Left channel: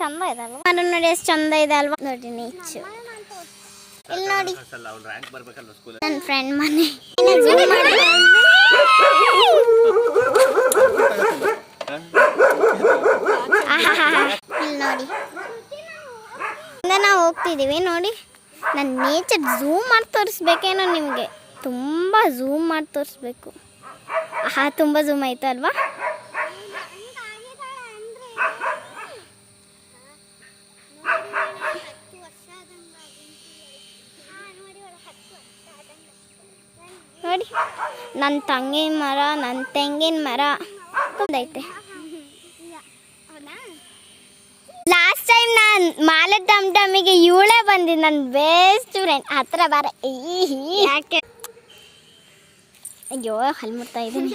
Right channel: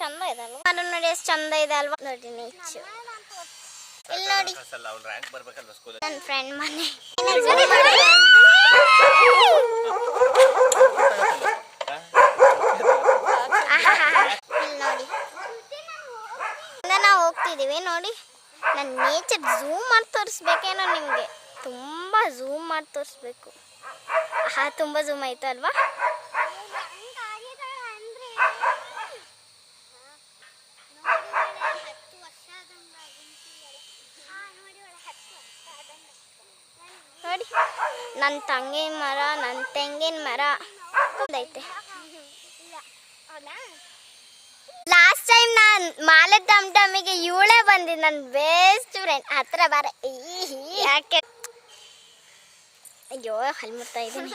ಚಂದ ಇದೆ ಅಲ್ವಾ? ಮರ ನೋಡಿ ಎಷ್ಟು ಚಂದ ಇದೆ ಅಲ್ವಾ? ನೋಡಿ ನೇಚರ್. ಇಲ್ಲಿ ನೋಡಿ ನನ್ನ ಫ್ರೆಂಡ್ ಮನೆ. ಇಲ್ಲಿ ನೋಡಿ ನಾವು ಹೋಗ್ತಿದ್ದೀವಿ ನೋಡಿ. ನನ್ನ ನೇಚರ್ ಝೂಮ್ ಮಾಡಿ ತೋರಿಸ್ಬೇಕೇನೋ ನಿಮಗೆ. ತುಂಬ ಝೂಮ್ ಮಾಡಿ ತೋರಿಸ್ಬೇಕು. ತುಂಬ ಝೂಮ್ ಆಯ್ತು ಅಲ್ವಾ? ನೋಡಿ ನನ್ನ ತಂಗಿನ ಮರ, ನನ್ನ ತೆಂಗಿನ ಮರ ಐತೆ. ಲಾಸ್ಟ್ ಟೈಮ್ ನಾನು ಮಾಲೆ ಟಮ್ಟಮಿಗೆ ಇವಳೇ ಬಂದಿದ್ದು, ನನ್ನ ಬೆಸ್ಟ್ ಫ್ರೆಂಡ್. ಹತ್ರ ಬಾರ. ಯಾಕೆ? ಅಯ್ಯೋ ಹಲ್ ಮುಟ್ತಾ ಇದ್ದೀನಿ.